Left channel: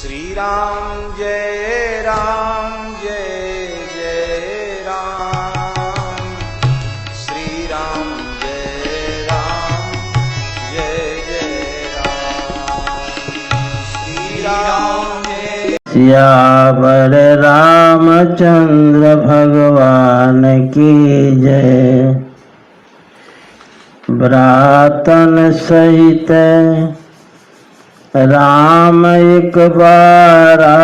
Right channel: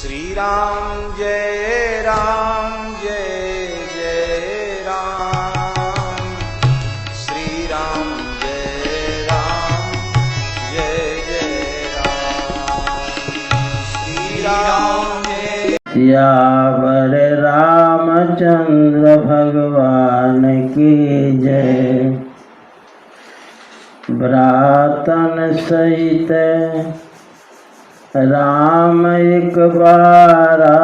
श्री राम जय जय राम, श्री राम जय जय राम, श्री राम जय। सियावर रामचंद्र भगवान की जय। भ्रातन सहित राम एक बारा,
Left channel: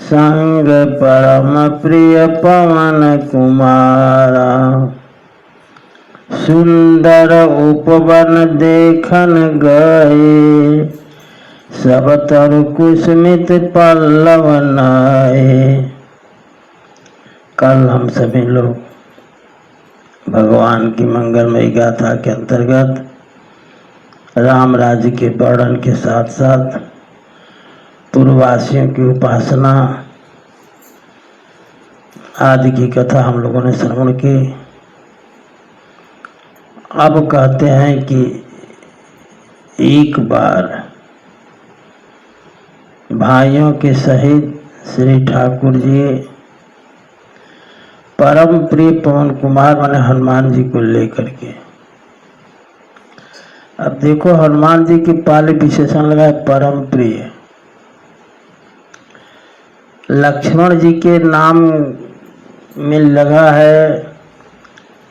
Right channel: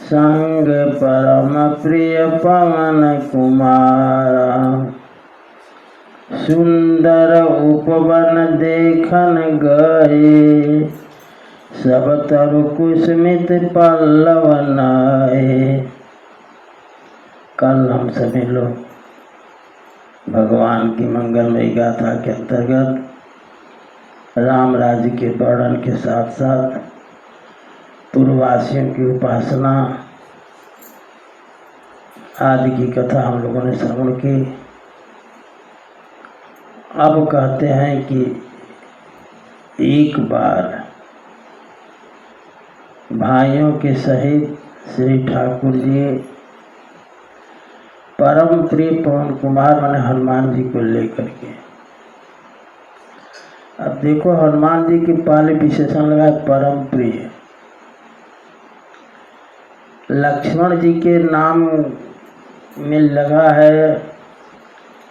संग परम प्रिय पवन कुमारा। सुंदर उपवन देखन गए, सब तरु कुसुमित पल्लव नाए। कल हम सभी लोग भगवान की मंगलमयी गाथा के अंतर्गत राम राज्य के वर्णन के साथ साथ पूर्ववासियों की उपासना आदि की कथा हम लोगों ने श्रवण की। अब कहते हैं कि एक बार भाइयों के सहित श्री ठाकुर जी परम प्रिय पवन कुमार माने हनुमान जी को लेकर के। अब देखो हनुमान जी के पहले विशेषण लगा है परम प्रिय। लक्ष्मण जी के नाम में लगा है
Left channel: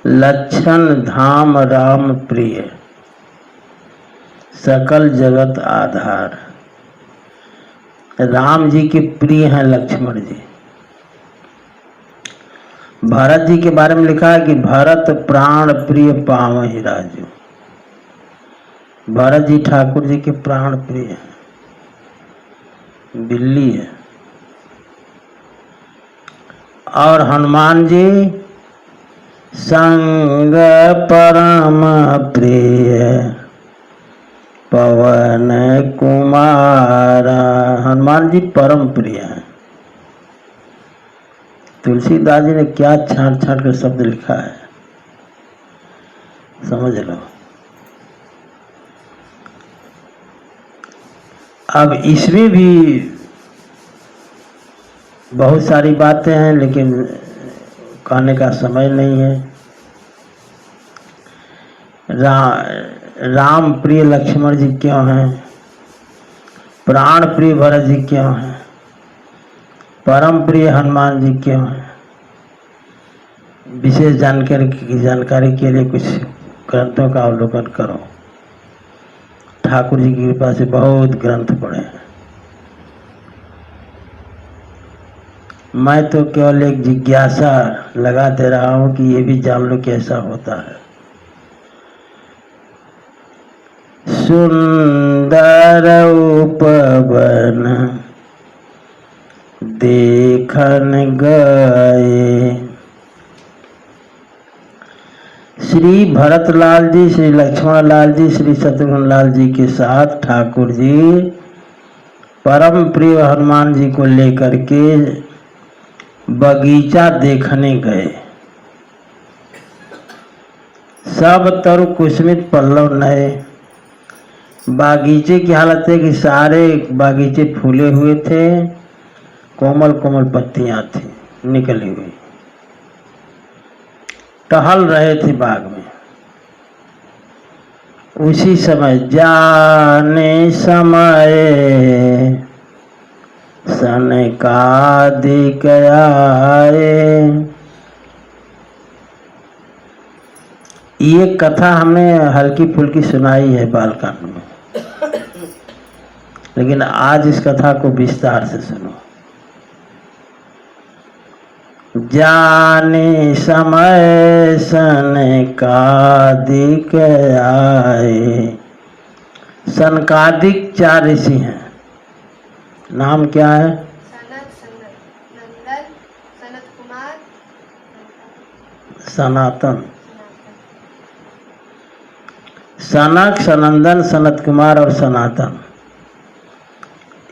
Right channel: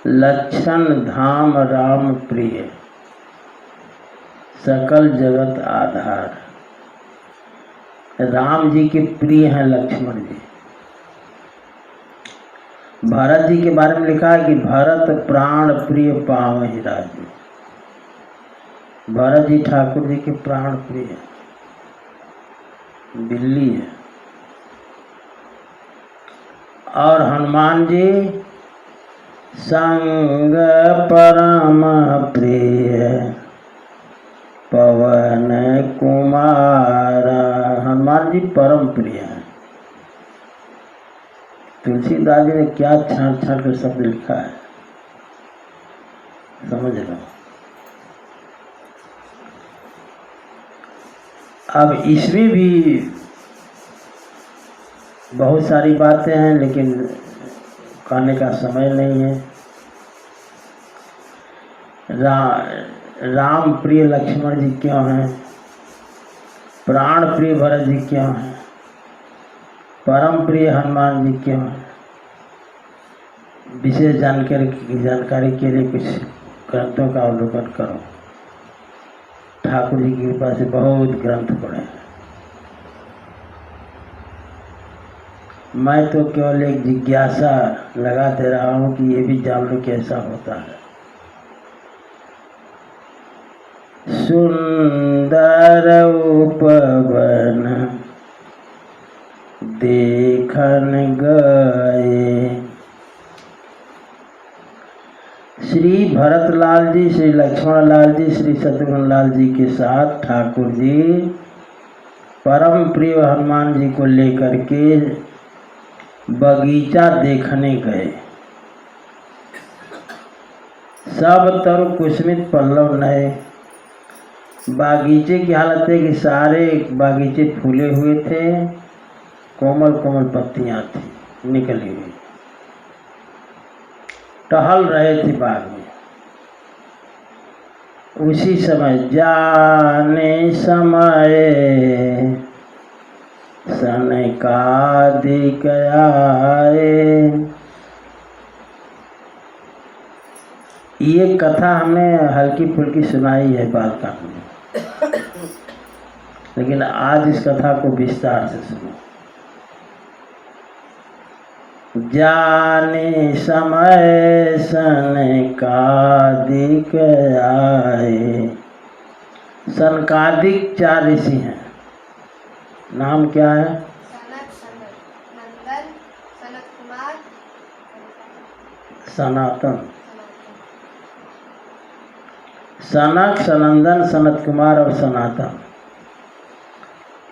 लक्षण धाम राम प्रिय, सकल जगत आधार। राम जी के प्रिय हैं लक्ष्मण जी। भरत जी के बारे में लिखा है कि भरत प्राण प्रिय पावहि राजू। भरत जी ठाकुर जी के प्राण प्रिय है, बिल्ली है। और हनुमान जी संग परम प्रिय पवन कुमार। हनुमान जी परम प्रिय है। तुलसीदास जी ने क्या छांट छांट कर शब्द लिखा है, समझ लो। अब इसमें भी बहुत सारी बातें हैं, लेकिन कहने का समय नहीं है। राम प्रिय लक्ष्मण जी क्यों हैं, प्राण प्रिय भरत जी क्यों हैं, परम प्रिय हनुमान जी क्यों हैं, विशेष जानकारी के लिए कुछ ग्रंथों का अवलोकन करो। ठाकुर जी की कृपा से बहुत ग्रंथ पढ़े हैं। मैं तो केवल एक जिज्ञासा लगा दे रहा हूं कि ये भी जान लो कैसा होता है। सुंदर उपवन देखन गए। श्री भरतलाल जी, श्री लक्ष्मण लाल जी, श्री शत्रुघ्न लाल जी के साथ ठाकुर जी परम प्रिय हनुमान जी को लेकर के बगीचा देखने गए। सब तरु कुसुमित पल्लव नए। बागीचे की हालत है कि सारे बागीचे फूले हुए थे, कोमल कोमल पत्तियां थी निकली हुई। टहल रहे थे बाग में। उसी समय जाने समय सनकादिक आए। ये कथा हमने हल्की फुल्की सुनाई है बालकांड में, लेकिन आज इस कथा को विस्तार से सुनो। जाने समय सनकादिक आए। सनकादिक 4 ऋषि हैं। नाम क्या है? सनत कुमार, सनातन। सनक, सनंदन, सनत कुमार और सनातन,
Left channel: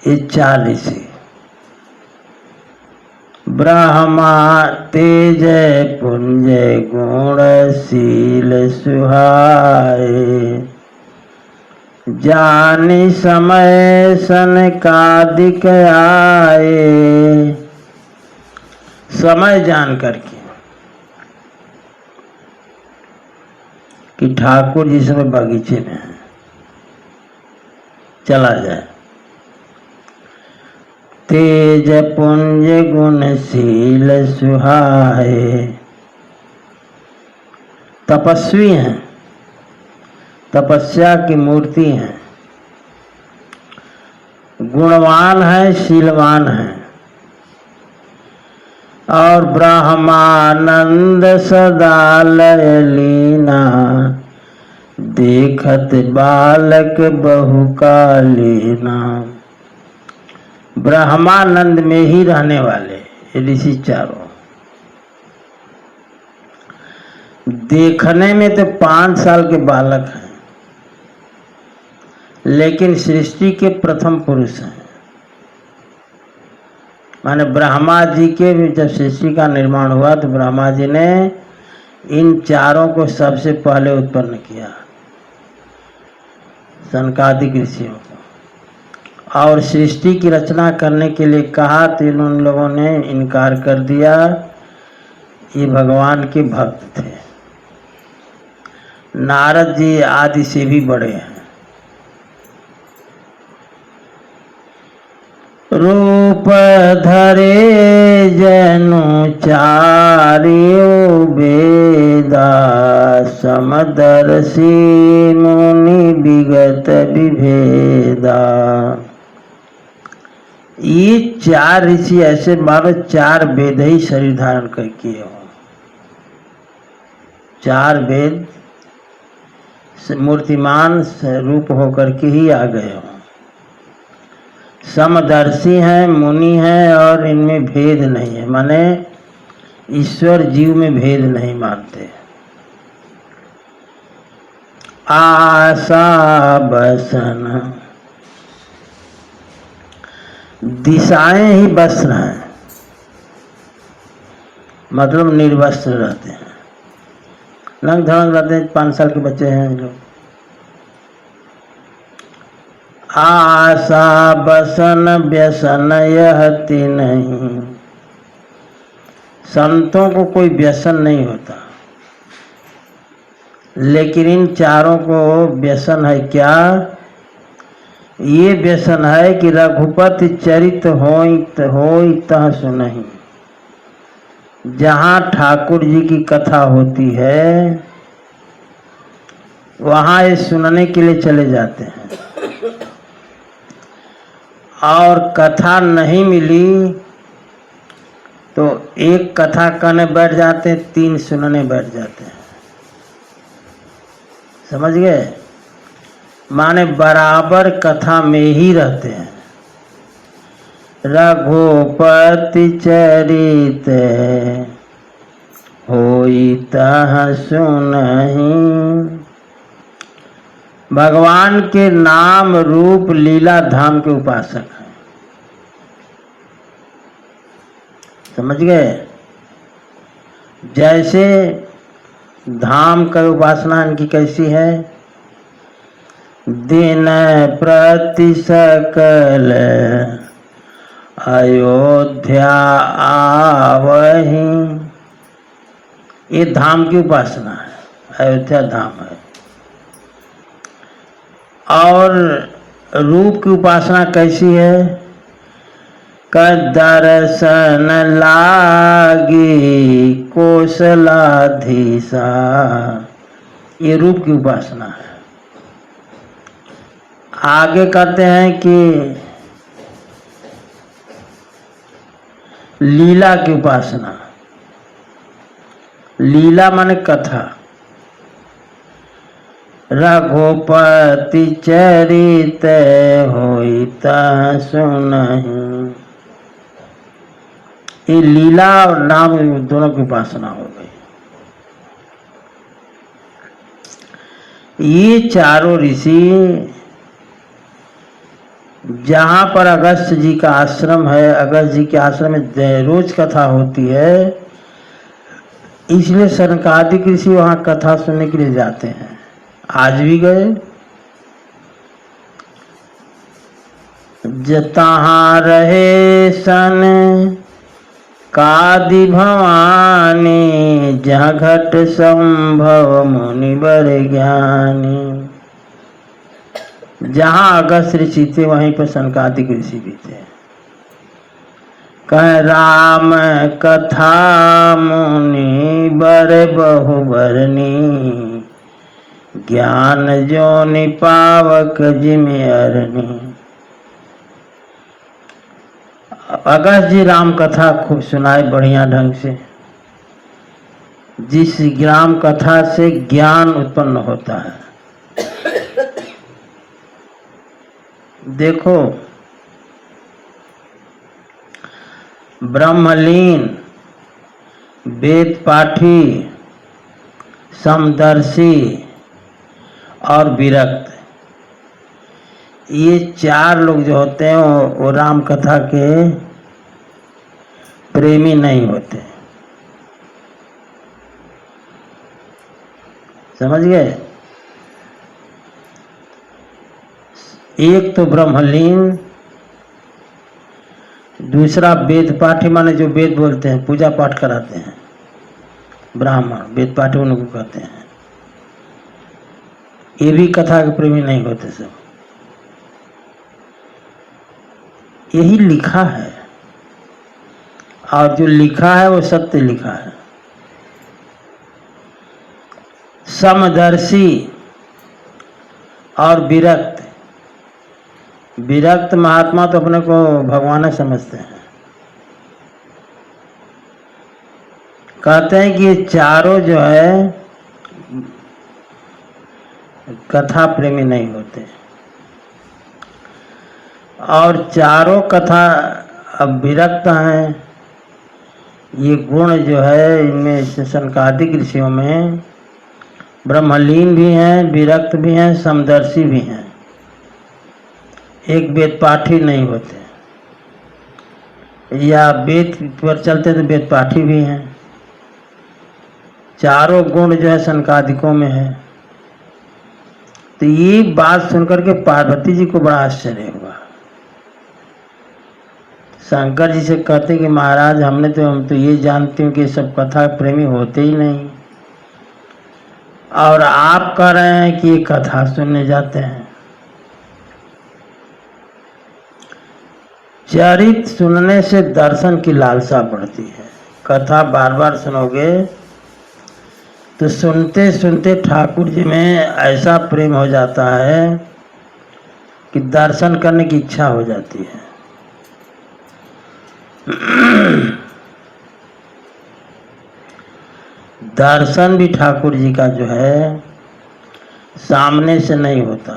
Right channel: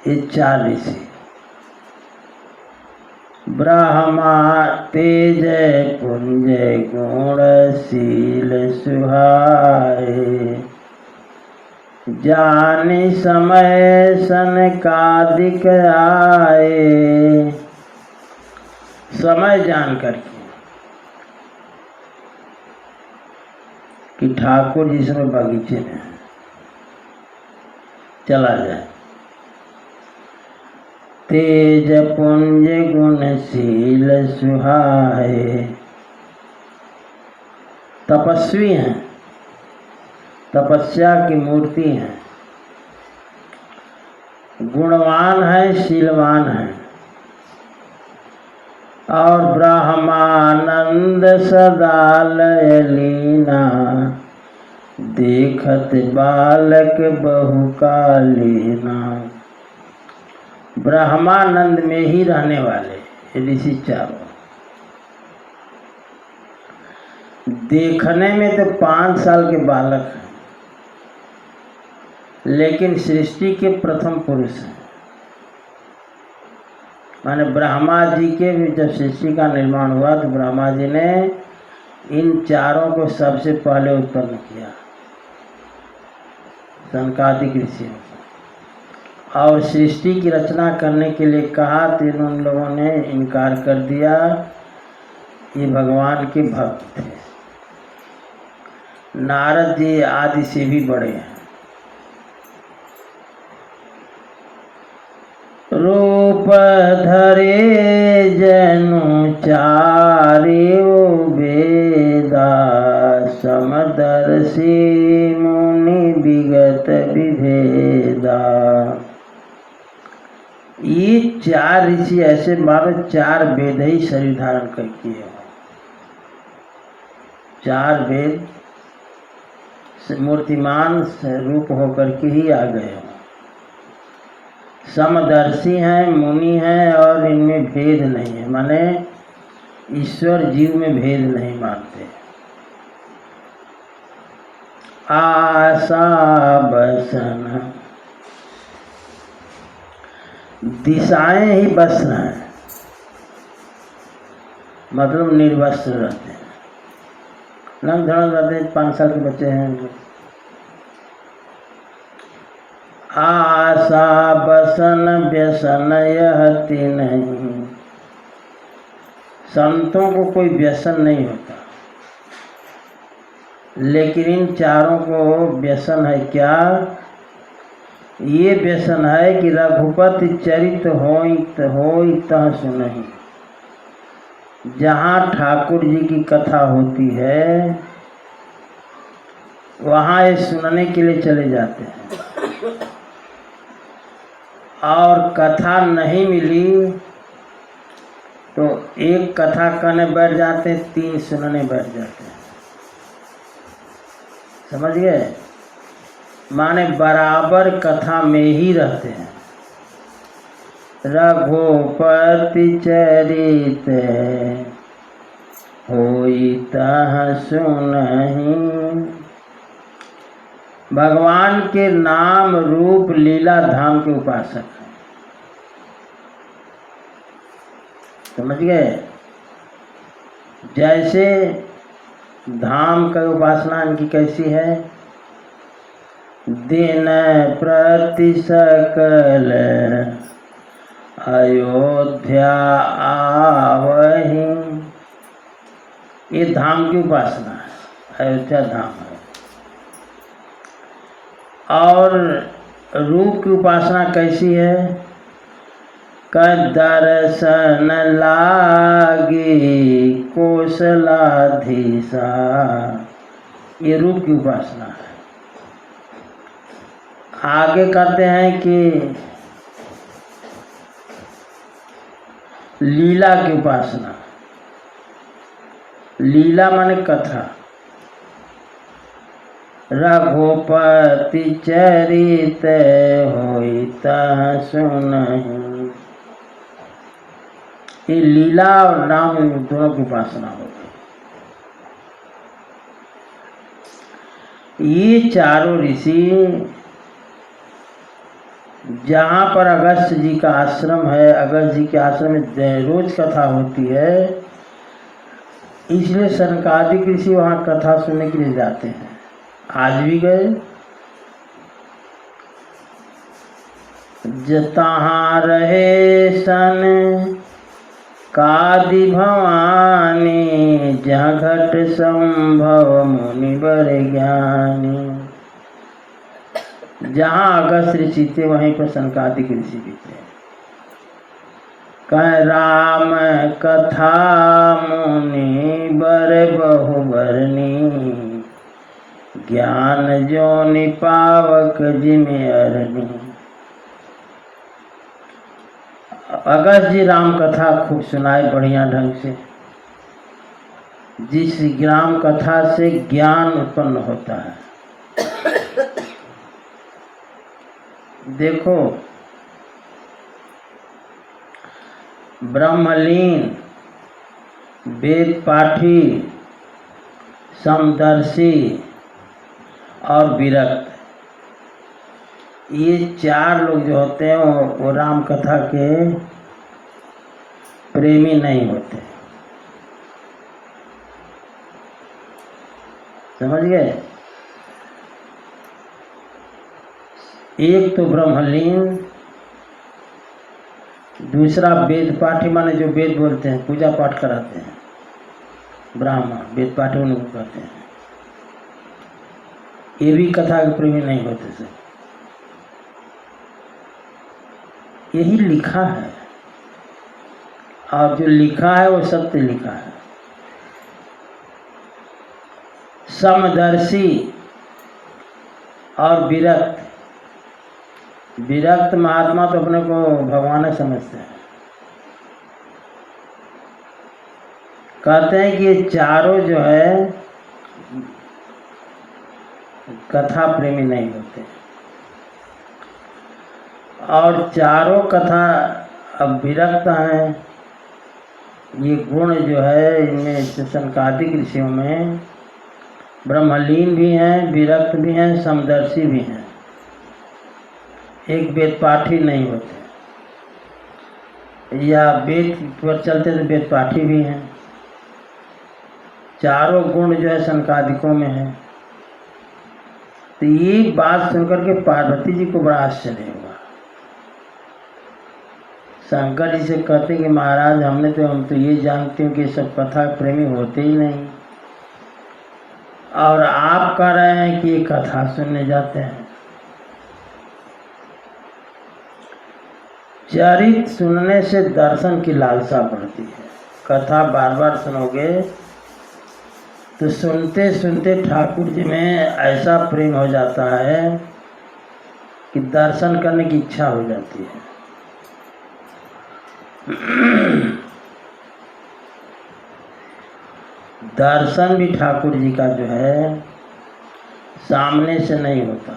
ये 4 ऋषि। ब्रह्मा तेज पुंज गुण शील सुहाए। जानी समय सनकादिक आए, समय जान करके कि ठाकुर जी समय बगीचे में है, चला जाए। तेज पुंज गुणशील सुहाए, तपस्वी हैं, तपस्या की मूर्ति हैं, गुणवान है, शीलवान है, और ब्रह्मानंद सदा लय लीना, देखत बालक बहुकालीना। ब्रह्मानंद में ही रहने वाले ऋषि चारों, देखने में तो 5 साल के बालक हैं, लेकिन सृष्टि के प्रथम पुरुष हैं। माने ब्रह्मा जी के भी जब सृष्टि का निर्माण हुआ तो ब्रह्मा जी ने इन चारों को सबसे पहले उत्पन्न किया, सनकादिक ऋषियों को, और सृष्टि की रचना करने के लिए कहा तो उन लोगों ने इनकार कर दिया। ये भगवान के भक्त थे। नारद जी आदि से भी बड़े हैं। रूप धरे जनु चारियो वेदा, समदर्शी मुनि विगत विभेदा। ये 4 ऋषि ऐसे मानो 4 वेद ही शरीर धारण कर किए हो। 4 वेद मूर्तिमान रूप होकर के ही आ गए हो। समदर्शी हैं, मुनि हैं, और इनमें भेद नहीं है, माने ईश्वर जीव में भेद नहीं मानते। आशा बसन, दिशाएं ही वस्त्र हैं, मतलब निर्वस्त्र रहते हैं, रंग धड़ंग रहते हैं। 5 साल के बच्चे हैं लोग। आशा बसन व्यसन यहति नहीं, संतों को कोई व्यसन नहीं होता, लेकिन इन चारों को व्यसन है। क्या? ये व्यसन है कि रघुपति चरित होई तह सुनहि। जहाँ ठाकुर जी की कथा होती है वहाँ ये सुनने के लिए चले जाते हैं, और कथा नहीं मिली तो एक कथा करने बैठ जाते हैं, 3 सुनने बैठ जाते हैं। समझ गए? माने बराबर कथा में ही रहते हैं। रघुपति चरित होई तह सुनहि। भगवान के नाम रूप लीला धाम के उपासक हैं। समझ गए? जैसे धाम का उपासना इनकी कैसी है? दिन प्रति सकल अयोध्या आवहि। ये धाम की उपासना है, अयोध्या धाम है। और रूप की उपासना कैसी है? दर्शन लागी कौशलाधीशा। ये रूप की उपासना है। आगे कहते हैं कि लीला की उपासना। लीला माने कथा। रघुपति चरित होई तह सुनहि। ये लीला और नाम दोनों की उपासना हो गई। ये चारों ऋषि जहाँ पर अगस्त जी का आश्रम है, अगस्त जी के आश्रम में रोज कथा होती है, इसलिए सनकादिक ऋषि वहाँ कथा सुनने के लिए जाते हैं। आज भी गए, जहाँ रहे सन कादि भवानी, जहाँ घट संभव मुनि बर ज्ञानी। जहाँ अगस्त ऋषि थे वहीं पर सनकादिक ऋषि भी थे। कह राम कथा मुनि बर बहु बरनी, ज्ञान जो निपावक जिमि अरनी। अगस्त जी राम कथा खूब सुनाए बढ़िया ढंग से, जिस राम कथा से ज्ञान उत्पन्न होता है। देखो, ब्रह्मलीन, वेद पाठी, समदर्शी और विरक्त, ये चार लोग जो होते हैं वो राम कथा के प्रेमी नहीं होते। समझ गए? एक तो ब्रह्मलीन, दूसरा वेद पाठी, माने जो वेद बोलते हैं, पूजा पाठ कराते हैं, ब्राह्मण वेद पाठी उनको कहते हैं। ये भी कथा के प्रेमी नहीं होते सब। यही लिखा है, और जो लिखा है वो सत्य लिखा है। समदर्शी और विरक्त, विरक्त महात्मा तो अपने को भगवान समझते हैं। कहते हैं कि ये चारों जो है कथा प्रेमी नहीं होते, और चारों कथा अब विरक्त हैं। ये गुण जो है इनमें सनकादिक ऋषियों में ब्रह्मलीन भी हैं, विरक्त भी हैं, समदर्शी भी हैं। एक वेद पाठी नहीं होते, या वेद पर चलते तो वेद पाठी भी हैं। चारों गुण जो है सनकादिकों में है। तो ये बात सुनकर के पार्वती जी को बड़ा आश्चर्य हुआ। शंकर जी से कहते कि महाराज हम तो ये जानते हो कि सब कथा प्रेमी होते ही नहीं, और आप कह रहे हैं कि ये कथा सुनने जाते हैं। चरित्र सुनने से दर्शन की लालसा बढ़ती है। कथा बार बार सुनोगे तो सुनते सुनते ठाकुर जी में ऐसा प्रेम हो जाता है कि दर्शन करने की इच्छा हो जाती है। दर्शन भी ठाकुर जी का जो है सामने से नहीं होता।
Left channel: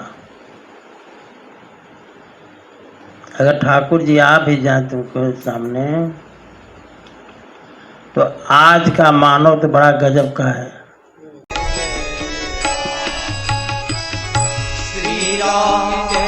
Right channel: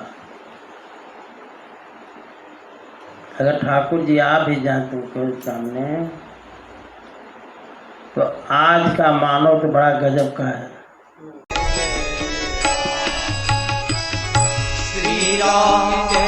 अगर ठाकुर जी आ भी जाए तुमको सामने, तो आज का मानव तो बड़ा गजब का है। श्री राम जय